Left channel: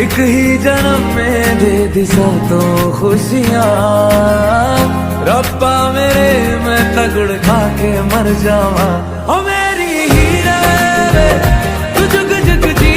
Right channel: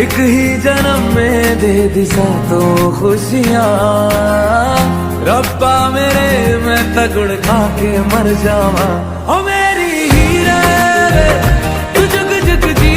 एक ही जन्म में दे दी सातों खुशियां, रब्बा मेरे मैं तगड़ खा के मर जावा। ओ मेरी हीरे वे तू जुग जुग जी